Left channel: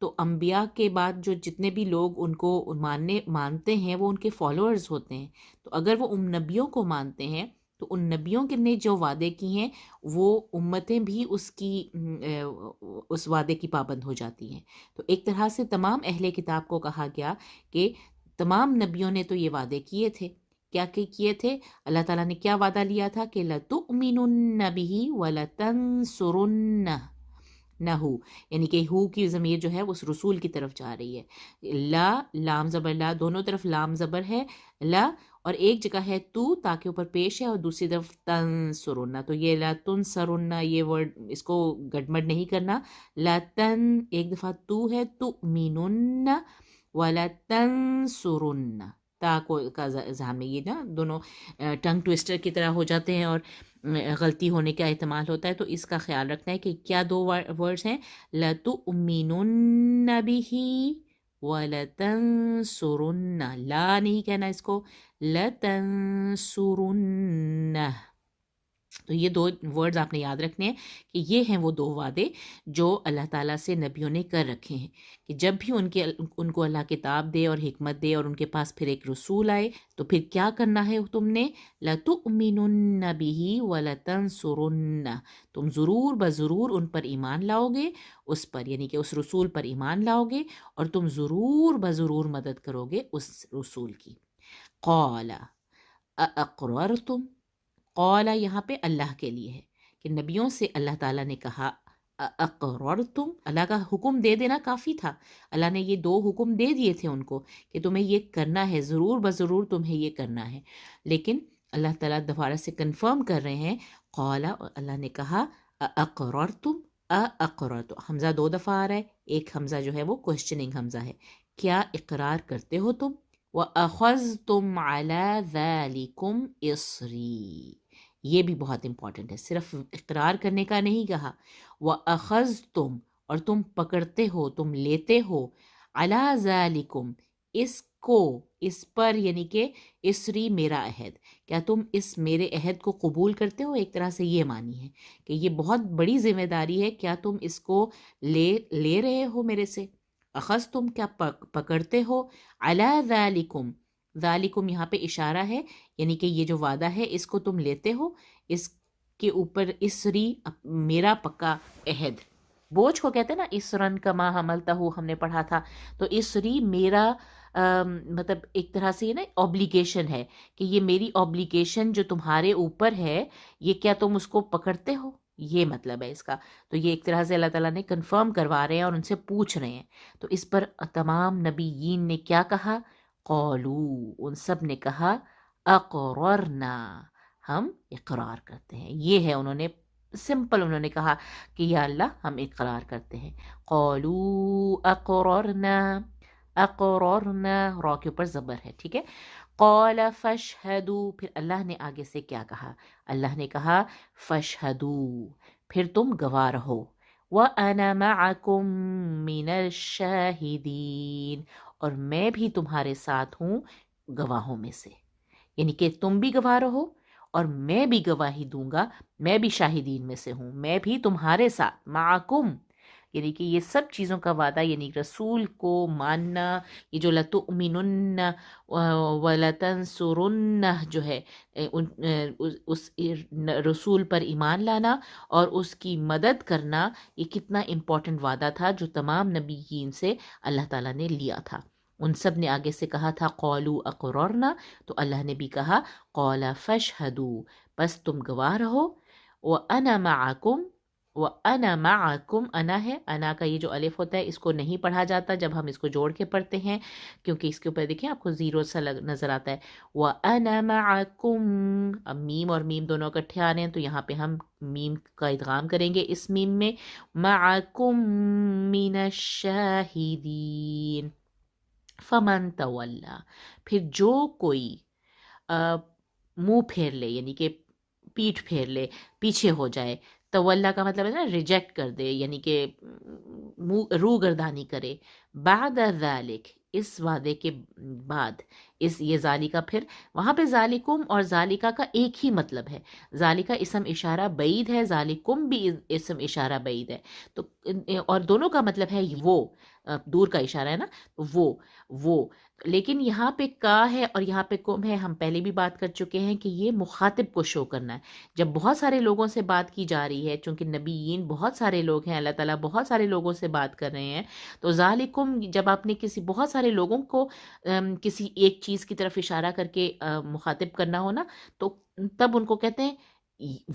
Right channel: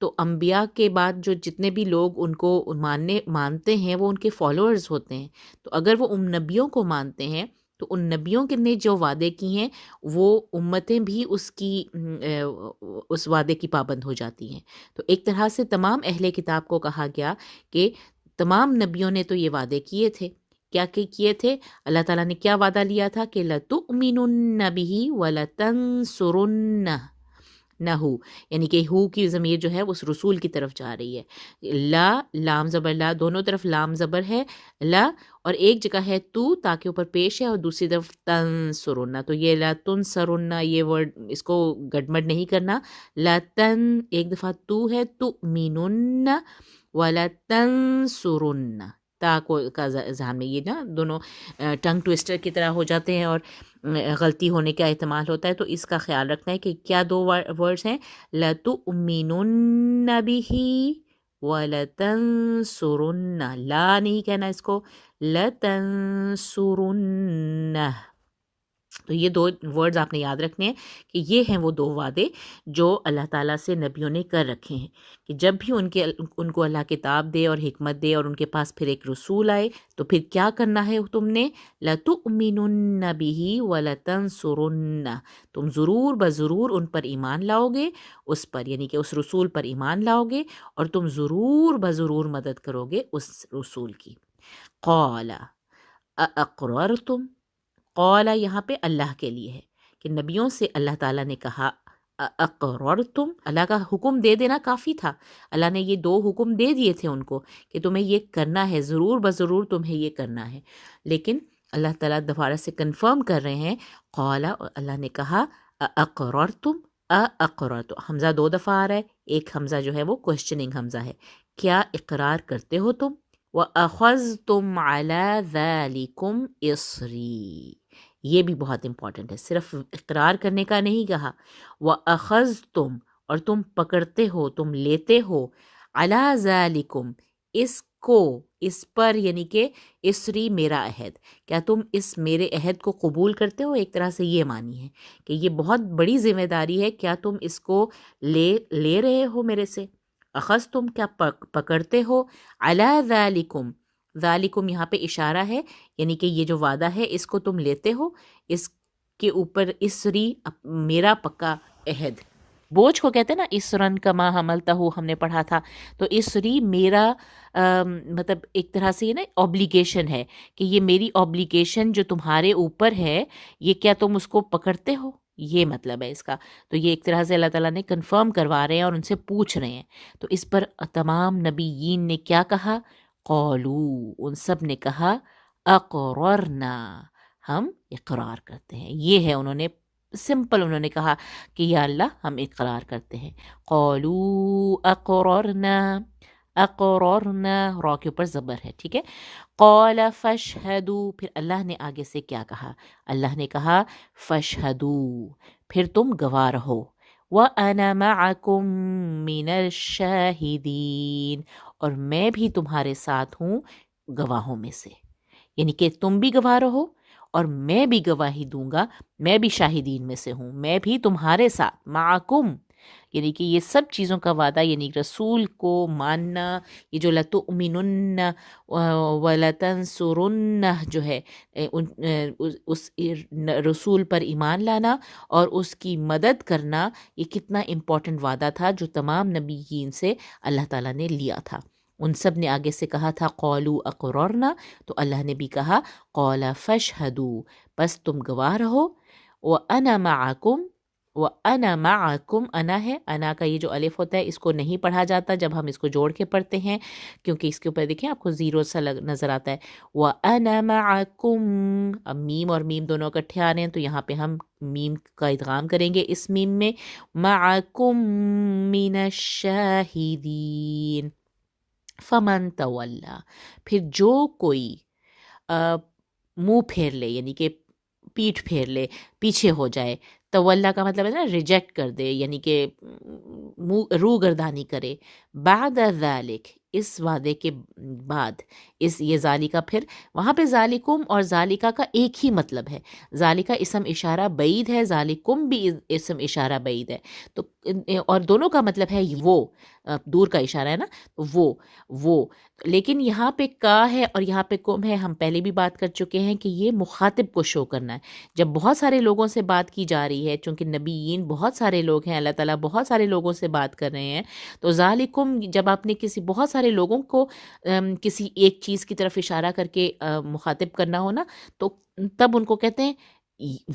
تو انبیاء کے بعد جو جتنے بھی لوگ ان کو مانتے ہیں وہ ان کے فالوورز ہوتے ہیں. تو اگر وہ ان نبیوں کو مانتے ہیں تو ان نبیوں نے جو وعدے کی ہیں وہ امتیں بھی اس وعدے کی پابند ہو جاتی ہیں. تو ایک طرح سے تمام اہل کتاب کو کہا گیا کہ تمام نبیوں نے تو یہ وعدے کیے تھے. کیا کیے تھے؟ اللہ تعالیٰ نے کیا وعدہ لیا تھا کہ لَتُؤْمِنُنَّ بِهِ وَلَتَنْصُرُنَّهُ. نہ ہو یعنی کہ ہو کی ضمیر جو ہے اس رسول کی طرف جا رہی ہے. لا لام زبر لا، دونوں طرف لام زبر ہے لا، اور ایک جگہ ہے تو تاکہ اوپر پیش ہے، اور دوسری طرف تنصرن. تو یہ لا تنصرن یہ ورڈ اس کو گڑمڑ نہیں کرنا. لا تن ایک دفعہ تو ہے تؤمنن ولا تنصرن. تا کو کا ذہن میں یہ نا دونوں ٹنگ ٹویسٹر کی طرح ہو جاتے ہیں اور غلطی ہونے کا احتمال ہوتا ہے. تو اس کا خیال رکھنا ہے کہ کیا دو ورڈز ہیں، لَتُؤْمِنُنَّ بِهِ وَلَتَنْصُرُنَّ. لا نہیں کہنا اس کو، لَتَنْصُرُنَّ. تو یہ دو ورڈز آپ نے یاد رکھنے ہیں کہ یہ ہیں وہ دو وعدے جو اللہ تعالیٰ سے نبیوں نے کر رکھے ہیں کہ جب بھی ان کو اللہ کتاب دے اور حکمت دے اور ان کے پاس پھر ایک رسول آئے تو پھر کیا کرنا ہے تم نے، لَتُؤْمِنُنَّ بِهِ وَلَتَنْصُرُنَّ. تم ضرور بضرور ان پر ایمان لاؤ گے، اس پر یعنی کہ اس رسول پر ایمان لاؤ گے اور تم ضرور بضرور مدد کرو گے اس رسول کی. قَالَ أَأَقْرَرْتُمْ. قَالَ یہاں پہ اللہ کے لیے ہے کہ نبیوں سے اللہ تعالیٰ نے کہا اقررتم. اللہ کا حکم دے دینا کافی تھا. اللہ نے یہ دو حکم دے دیے تھے ان کو کہ تمہیں یہ کرنا ہے، ضرور بضرور تمہیں یہ کرنا ہے. لیکن اللہ تعالیٰ دوبارہ سے کنفرم کر رہے ہیں. قال اللہ نے کہا اقررتم. اقررتم حمزہ دو دفعہ آ رہا ہے، ایک حمزہ جو ہے وہ کوشچننگ حمزہ ہے. کیا اقرار کرتے ہو تم؟ وَأَخَذْتُمْ عَلَى ذَلِكُمْ إِصْرِي. یہ بھی بہت امپورٹنٹ ہے، صرف اقرار کرنے کا نہیں کہا. وَأَخَذْتُمْ اور تم پکڑتے ہو، تم لیتے ہو، عَلَى ذَلِكُمْ اس کو، اس پر یعنی کہ اسری میرا عہد. کیا تم اس میرے عہد کو قبول کرتے ہو؟ ایک طرح سے یہ معنی ہے کہ یہ بہت بڑی ذمہ داری ہے، کیا تم اس کو لے رہے ہو میرے سے؟ اخذتم کیا پکڑتے ہو، علی ذالکم. ذالکم یہاں پہ اشارہ ہے یعنی کہ یہ جو وعدہ ہے اس کو تم لیتے ہو، اس کے اوپر اسری میرا پکا عہد. بوجھ کو کہتے ہیں نا اسرن کما حملتہ، ہم نے پڑھا تھا. تو اسری میرا مطلب ایک طرح سے یہ نا اوبلیگیشن ہے کہ یہ میری اوبلیگیشن جو تمہارے اوپر ہے یہ کیا تم اس کو پکڑتے ہو، یہ مطلب ہے اس کا. تو یہ ایک طرح سے اللہ تعالیٰ نے کنفرم کروا رہے ہیں اور ان سے پوچھ رہے ہیں. تو اس پر تمام نبیین نے کیا کہا، قالو ان سب نے کہا اقررنا ہم اقرار کرتے ہیں. یہ ہے انہوں نے سمپل انہوں نے کہا کہ یا اللہ ہم اقرار کرتے ہیں. قالو اقررنا، اقررنا را کے اوپر زبر ہے، ٹھیک ہے. قال فاشہدوا پھر اللہ نے آگے سے کیا کہا، اللہ نے کہا فاشہدوا پھر تم گواہ رہو. وَأَنَا مَعَكُمْ مِنَ الشَّاهِدِينَ اور میں بھی تمہارے ساتھ ہوں گواہوں میں سے. یعنی کہ تم بھی گواہ رہو اور میں بھی گواہی دوں گا، میں بھی شاہدین میں سے ہوں، میں بھی تمہارے ساتھ. معکم یعنی کہ یہ سب چیزوں کا وعدہ، یعنی رسول کو ماننا، یہ جو لَتُؤْمِنُنَّ وَلَتَنْصُرُنَّ جو ہے اس رسول پر ایمان لانا اور اس کی مدد کرنا، یہ کتنا امپورٹنٹ وعدہ تھا جو تمام نبیین سے اللہ تعالیٰ نے لیا تھا. ان سب نے آگے سے کہا تھا قالو اقررنا، تو اللہ نے بھی کہا قال فاشہدوا بس تم گواہ رہو. وَأَنَا مَعَكُمْ، وَأَنَا مَعَكُمْ انا ہے، انا کا یہ جو الف ہوتا ہے اس کو نہیں پڑھا جاتا جب ہم اس کو جوڑ کے پڑھتے ہیں، کیونکہ اس کے اوپر دیکھیں آپ کو زیرو سا نظر آتا ہے. وَأَنَا مَعَكُمْ اب میم اور میم دونوں اکٹھے آ رہے ہیں تو یہاں پہ ہم میم کا ادغام کریں گے اس میم میں. مَعَكُمْ مِنَ الشَّاهِدِينَ فَمَن تَوَلَّى پھر جو کوئی منہ پھیر لے یعنی کہ پیٹھ پھیر لے، پیچھے ہو جائے. تولا کا مطلب ہے نا ریجیکٹ کر دے، یعنی کہ روح گردانی کرے. بعد ذالک اس وعدے کے بعد، اس یہ ذالکہ پھر وہاں پہ ذالکم اور ذالکہ کا ایک ہی مطلب ہے. ذالکہ اسم اشارہ بعید ہے، ذالکم بھی اسم اشارہ بعید ہے، تو اور دونوں کا مطلب ہے وہ. دور کا اشارہ ہے نا، وہ لیکن یہاں پہ کا ہے اور یہاں پہ کم ہے. ہم پہلے بھی بات کر چکے ہیں کہ یہ مخاطب کو شو کرنا ہے. جب بہت سارے لوگوں سے بات کی جا رہی ہے، چونکہ نبیین بہت سارے لوگ ہیں، اللہ تعالیٰ بہت سارے لوگوں سے بات کر رہے ہیں، تو ذالکم جب آپ نے کسی بہت سارے لوگوں کو کسی ایک چیز کی طرف اشارہ کر کے مخاطب کرنا ہو نا، تو تب ان کو کہتے ہیں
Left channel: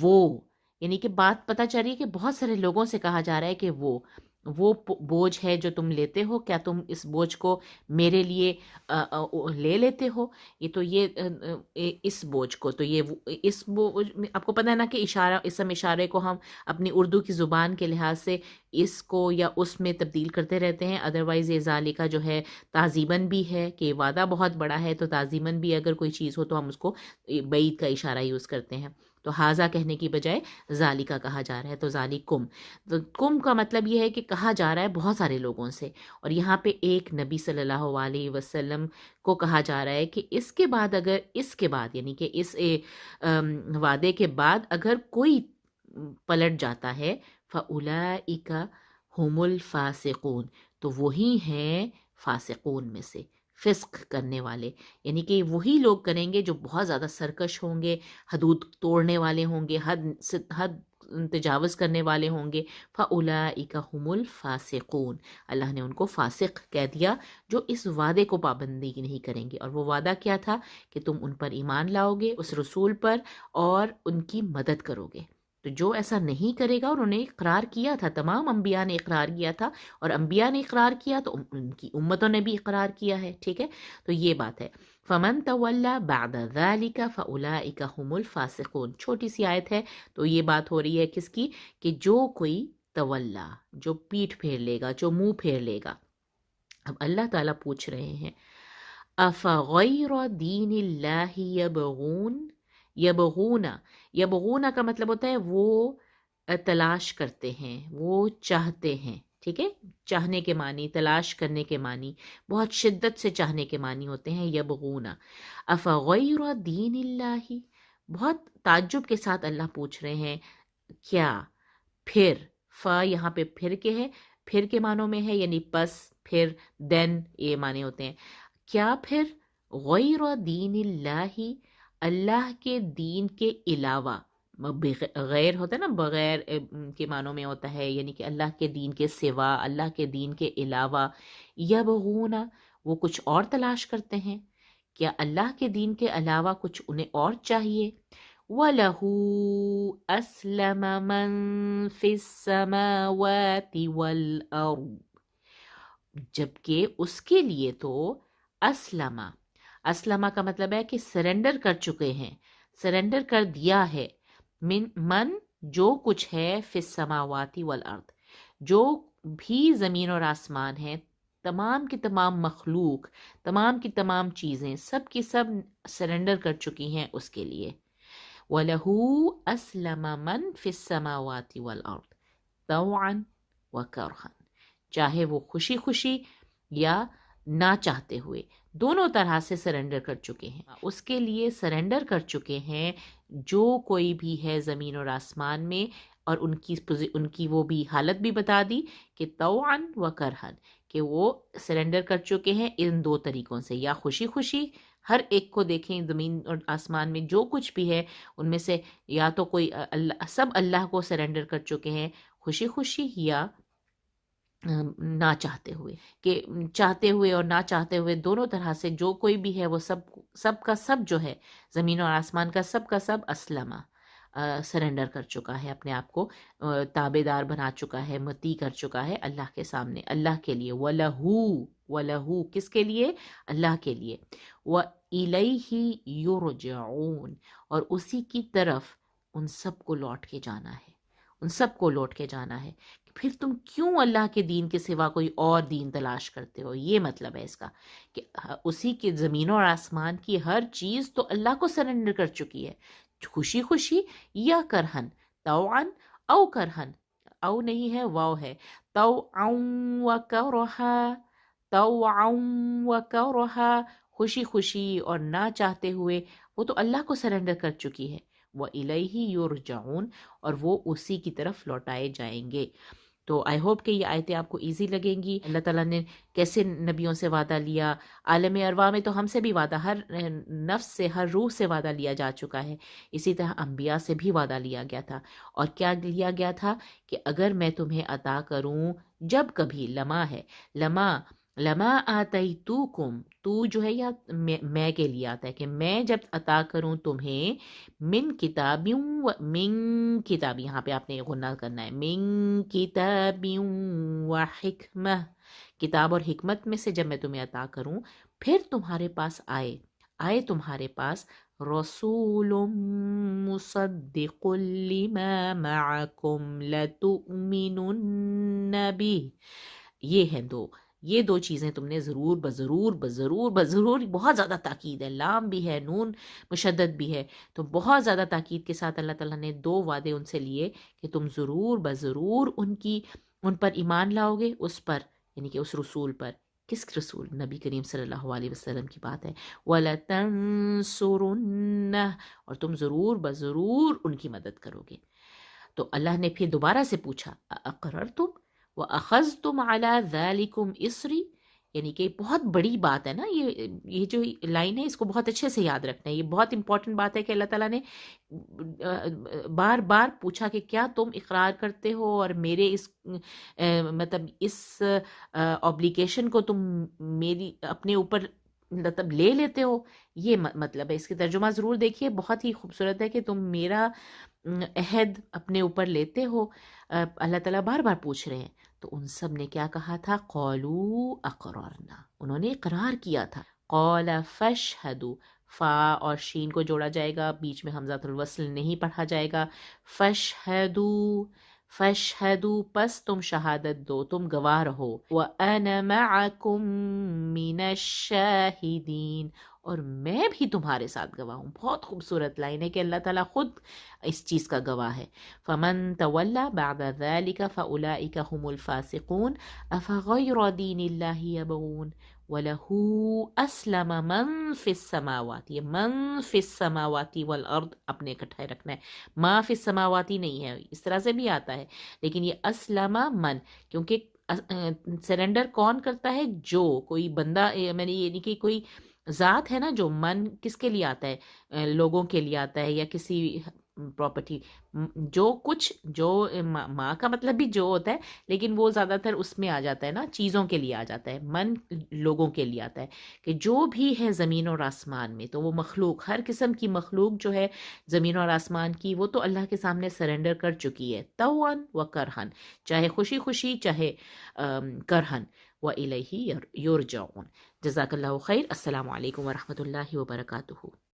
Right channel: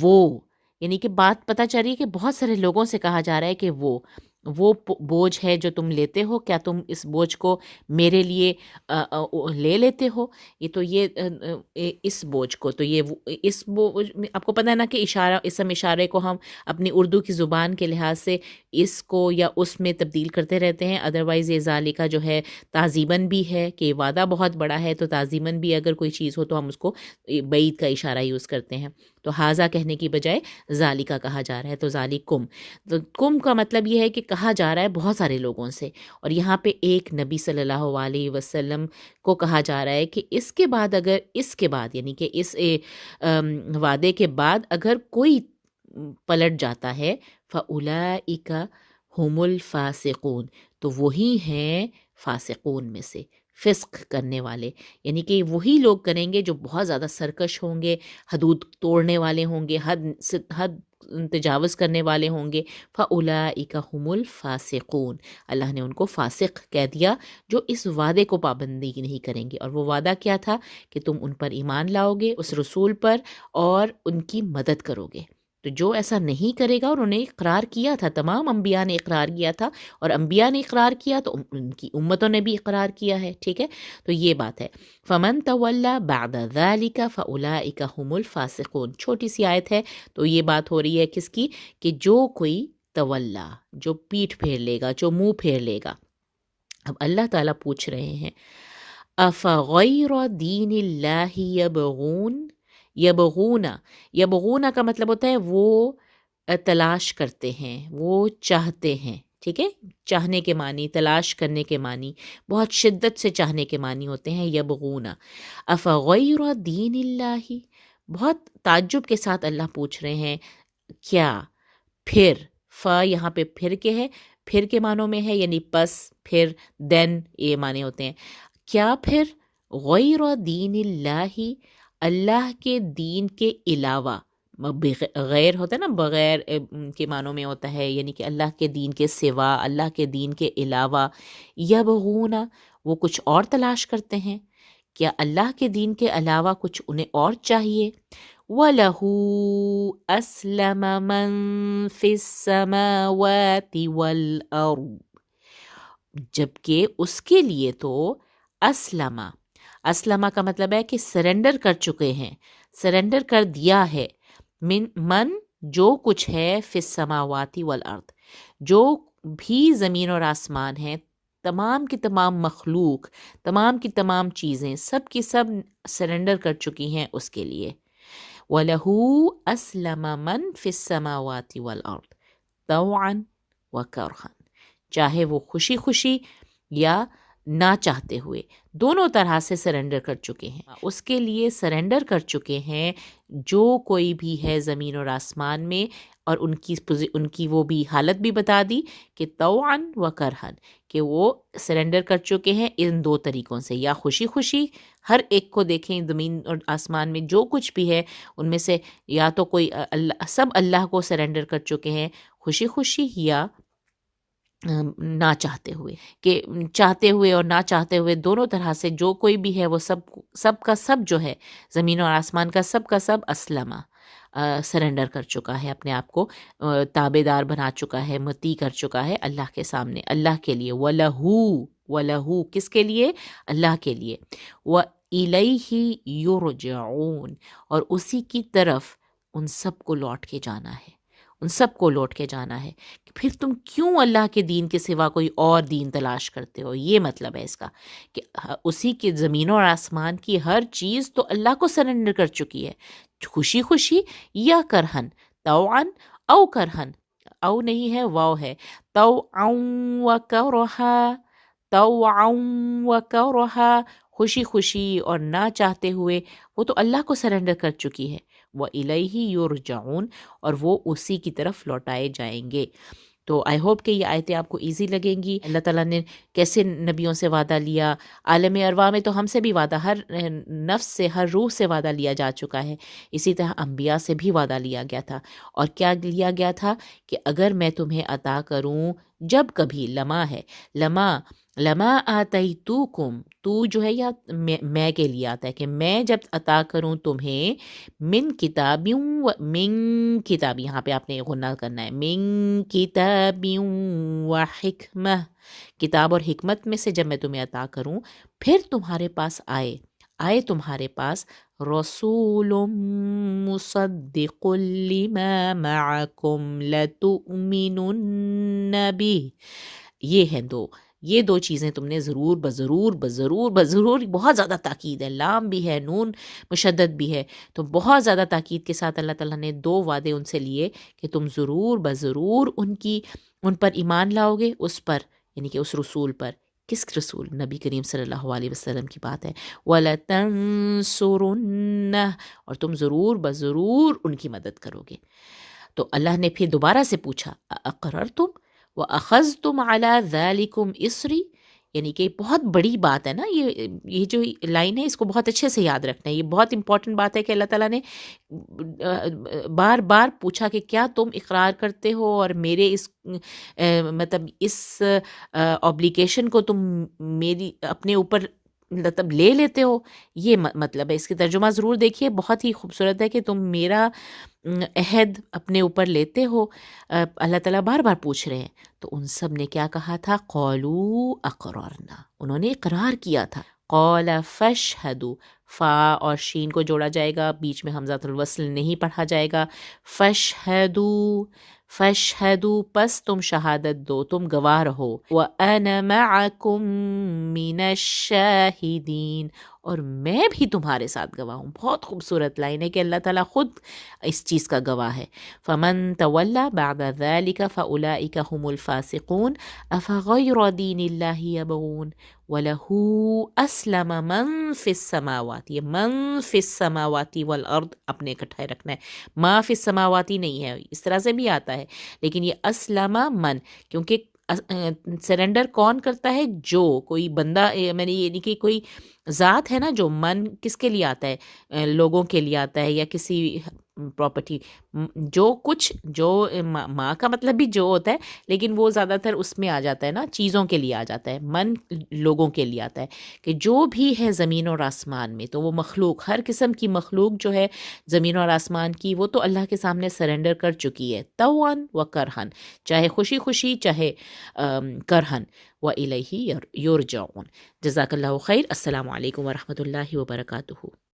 وہ، یعنی کہ بات پتہ چل رہی ہے کہ بہت سارے لوگوں سے کہا جا رہا ہے کہ وہ بوجھ ہے جو تم لیتے ہو، کیا تم اس بوجھ کو میرے لیے لے لیتے ہو؟ یہ تو اس بوجھ کو تو اس بوجھ آپ کو پتہ ہے نا کہ اشارہ، اسم اشارے کو ہم اپنی اردو کی زبان کے لحاظ سے اس کو یا اس میں تبدیل کرتے رہتے ہیں. ادروائز یہ ذالکہ جو ہے تعظیماً بھی ہے کہ وعدہ بہت بڑا ہے، تو تعظیماً بھی اگر کوئی چیز ہو تو ہم اس کو بعید کا اشارہ یوز کرتے ہیں. تو حاذا کہنے کی بجائے ذالکہ کہا جا رہا ہے. تو ذالکم، تو کم کا مطلب یہ ہے کہ کہا جا رہا ہے بہت سارے لوگوں سے، اور یہاں پہ ایک نبی صلی اللہ علیہ وسلم کو کہا جا رہا ہے کہ اس کے بعد، اگر اس کے بعد یعنی کہ اس وعدے کے بعد اگر کوئی پلٹ جاتا ہے، فَأُولَئِكَ هُمُ الْفَاسِقُونَ، تو وہی ہیں فاسقون میں سے، فسق کرنے والے، یعنی کہ وہی لوگ کریں گے جو بہت زیادہ سرکش ہوں گے، حدود توڑنے والے ہوں گے، حد تجاوز کرنے والے ہوں گے. فَأُولَئِكَ هُمُ الْفَاسِقُونَ، اللہ نے ان کو فاسق کہہ دیا جو اس وعدے کو پابندی نہیں کریں گے. اور وہ وعدہ کیا تھا؟ کہ تم ان پر ایمان لاؤ گے، اس رسول پر، اور ان کی مدد کرو گے. تو جو ایسا نہیں کرے گا، اور انہیں اقرار کیا تھا، تمام انبیاء نے اقرار کیا تھا، اور انبیاء نے اقرار کیا تو ان کی امتوں نے بھی اقرار کیا ہے. ٹھیک ہے، تو یہ بات ہے. فَمَن تَوَلَّى بَعْدَ ذَلِكَ فَأُولَئِكَ هُمُ الْفَاسِقُونَ. چھوٹی سی آیت ہے، تو یہ بات ہو رہی ہے کس کی؟ کہ جو کوئی تولا، جو پیٹھ پھیر لے گا، جو منہ پھیر لے گا. اب اللہ تعالیٰ پوچھ رہے ہیں أَفَغَيْرَ دِينِ اللَّهِ يَبْغُونَ. یبغون کا مطلب ہوتا ہے وہ تلاش کرتے ہیں، وہ چاہتے ہیں. ٹھیک ہے، چاہنے کے معنی، تلاش کرنے کے معنی، بہت شدت سے چاہنے کے معنی ہوتے ہیں یبغون. افغیر دین اللہ، بہت تعجب کے ساتھ اللہ پوچھ رہے ہیں کیا، پھر، فا یہاں پہ پھر کے ہے، پھر کے معنوں میں ہے، یعنی پس، پھر، دین، یہ معنی ہوتے ہیں. کیا پھر غیر دین اللہ، اللہ کے دین کے علاوہ، غیر ہوتا ہے نا، بغیر کے معنوں میں ہوتا ہے، یعنی کہ اللہ کے دین کے سوا، اللہ کے دین کے علاوہ. یبغون، وہ کچھ اور تلاش کرتے ہیں. کیا اللہ کے دین کے علاوہ کچھ انہیں اور چاہیے؟ وَلَهُ أَسْلَمَ مَن فِي السَّمَاوَاتِ وَالْأَرْضِ، جبکہ اس کے لیے تو اسلمہ کا مطلب ہے کہ سرنڈر کر چکے ہیں، سرنڈر کر دیا ہے. من جو کچھ ہے، فی السماوات والارض، جو بھی زمین اور آسمان ہے، تمام کی تمام مخلوق، تمام کی تمام چیزیں، سب کی سب سرنڈر کر چکی ہیں اس کے لیے. وَلَهُ أَسْلَمَ مَن فِي السَّمَاوَاتِ وَالْأَرْضِ طَوْعًا وَكَرْهًا، چاہے وہ خوشی خوشی یا نہ چاہتے ہوئے، دونوں طرح سے سرنڈر کر چکے ہیں. اس کے لیے سرنڈر کر چکے ہیں جو کوئی بھی ہے زمین اور آسمان میں. اور ان کی وہ بھی حالت بھی بتا دی کہ طوعاً و کرہن، کہ وہ سرنڈر کر چکے ہیں ان دو طریقوں سے، یا خوشی خوشی، ہر ایک کو دیکھیں زمین اور آسمان میں جو کچھ بھی ہے ان میں سے، یا تو کوئی سب اللہ کو سرنڈر کر چکے ہیں خوشی خوشی، یا نہ چاہتے ہوئے، کہ چاہتے ہوئے اور نہ چاہتے ہوئے دونوں طرح سے جو کوئی بھی ہے وہ سب کا سب جو ہے، زمین اور آسمان کا سب اسلمہ، سرنڈر کر چکا ہے، اپنے آپ کو تابع دار بنا چکا ہے، مطیع کر چکا ہے اللہ کے سامنے، اللہ کے لیے. وَلَهُ کس کے لیے؟ اللہ کے لیے. وَإِلَيْهِ يُرْجَعُونَ، اور اسی کی طرف ان سب کو لوٹ کے جانا ہے، ان سب کو لوٹ کے جانا ہے. پھر تم کیوں اللہ کے دین کے سوا کوئی اور دین تلاش کرتے ہو؟ یہ مطلب ہے اس کا کہ اسی کے زمین اور آسمان کی ہر چیز تو اللہ کو سرنڈر کر چکی ہے، خوشی خوشی یا کرہن، طوعاً او کرہن، او نہیں ہے، واو ہے، طوعاً و کرہا، طوعاً و کرہا، خوشی خوشی اور نہ چاہتے ہوئے، وہ تو اللہ کو سرنڈر کر چکی ہے. وَإِلَيْهِ يُرْجَعُونَ، اور وہ اسی کی طرف لوٹائے جائیں گے. تو آئی ہوپ کہ یہ آیتیں آپ کو ایزی لگیں گی. اللہ تعالیٰ نے کیسے نبیوں سے وعدہ لیا. عالم ارواح میں تو ہم سے بھی وعدہ، ہر نفس سے، ہر روح سے وعدہ لیا جا چکا ہے. اسی طرح انبیاء سے بھی وعدہ لیا گیا تھا. اور کیا لیا گیا تھا کہ اگر میں تمہیں عطا کروں، جب کبھی، لما ہے، لما آتیتوکم، تو جو ہے یا میں کے لیے آتا ہے کہ میں جب عطا کروں تمہیں، من کتاب، یہاں پہ آپ نے غنہ کرنا ہے، من کتاب و حکمہ، کتاب اور حکمت میں سے جب میں تمہیں عطا کروں، پھر تمہارے پاس آئے تمہارے پاس رسول مصدق لما معکم لتؤمنن به. یہ دو چیزیں تم نے ضرور بضرور، بہت زیادہ تاکید ہے، لام بھی ہے، نون مشدد بھی ہے، تو بہت زیادہ تاکید کے ساتھ اللہ تعالیٰ نے 2 وعدے ان سے لیے کہ تم ضرور ان پر ایمان لاؤ گے، اس پر یعنی کہ اس رسول پر. کس رسول؟ نبی کریم صلی اللہ علیہ وسلم کی بات ہے. وَلَتَنْصُرُنَّهُ، اور تم ضرور ان کی مدد کرو گے. تو اللہ نے پھر دوبارہ سے پوچھا، اقررتم وَأَخَذْتُمْ عَلَى ذَلِكُمْ إِصْرِي، یعنی کہ بہت بڑی بات ہے نا. یہ جو لائن ہے اس کو بہت اچھے سے یاد رکھنا ہے. یہ بہت امپورٹنٹ بات ہے کہ اللہ تعالیٰ نے بار بار پوچھا کہ کیا تم اقرار کرتے ہو اور میرے مطلب اس اوبلیگیشن کو تم میری اپنے اوپر مطلب لے لیتے ہو. یہ مطلب ہے. اس کی ترجمہ ضرور دیکھیے، بہت ہی خوبصورت ہے کہ تم میرا عہد اپنے اوپر لیتے ہو. اللہ تعالیٰ بار بار پوچھ رہے ہیں. تو ان سب نے کیا کہا تھا؟ قالوا اقرارنا، انہوں نے اقرار کیا تھا. قال فاشهدوا، فا اور شین کو جوڑا جائے گا، بیچ میں حمزۃ الوصل نہیں پڑھا جائے گا. فاشهدوا، پس تم شہادت دو، تم گواہ رہو. وانا معکم من الشاہدین، اور میں بھی تمہارے ساتھ گواہ ہوں. بہت خوبصورت لائن ہے کہ اللہ تعالیٰ خود اس چیز کا گواہ ہے. فمن تولی بعد ذلك فاولئک هم الفاسقون افغیر دین اللہ یبغون وَلَهُ أَسْلَمَ مَن فِي السَّمَاوَاتِ. یہ من فی السَّمَاوَاتِ وَالْأَرْض اپنے اکٹھا رکھنا ہے. ما فی السَّمَاوَاتِ نہیں ہے، اس طرح سے بھی آتا ہے، لیکن یہ اسلم من، کیونکہ سرنڈر کون کرتا ہے؟ جو کوئی بندہ، میں نے یہ نہیں کہ کوئی ذات ہے نا. جو من کس کے لیے آتا ہے؟ لوگوں کے لیے آتا ہے، یا کسی پراپرٹی. جو ماں کا مطلب بھی جو ہوتا ہے، لیکن وہ زیادہ تر اس میں آ جاتا ہے نا، چیزوں کے لیے آ جاتا ہے. من لوگوں کے لیے آتا ہے کہ جو بھی ہے زمین اور آسمان میں. تو وہ مخلوق، ہر قسم کی مخلوق جو ہے زمین اور آسمان کی، وہ تو اللہ کے سامنے سرنڈر کر چکی ہے، طوعاً و کرہن، چاہے خوشی خوشی، چاہے کرہن. وَإِلَيْهِ يُرْجَعُونَ. جزاک اللہ خیر. السلام علیکم ورحمۃ اللہ وبرکاتہ.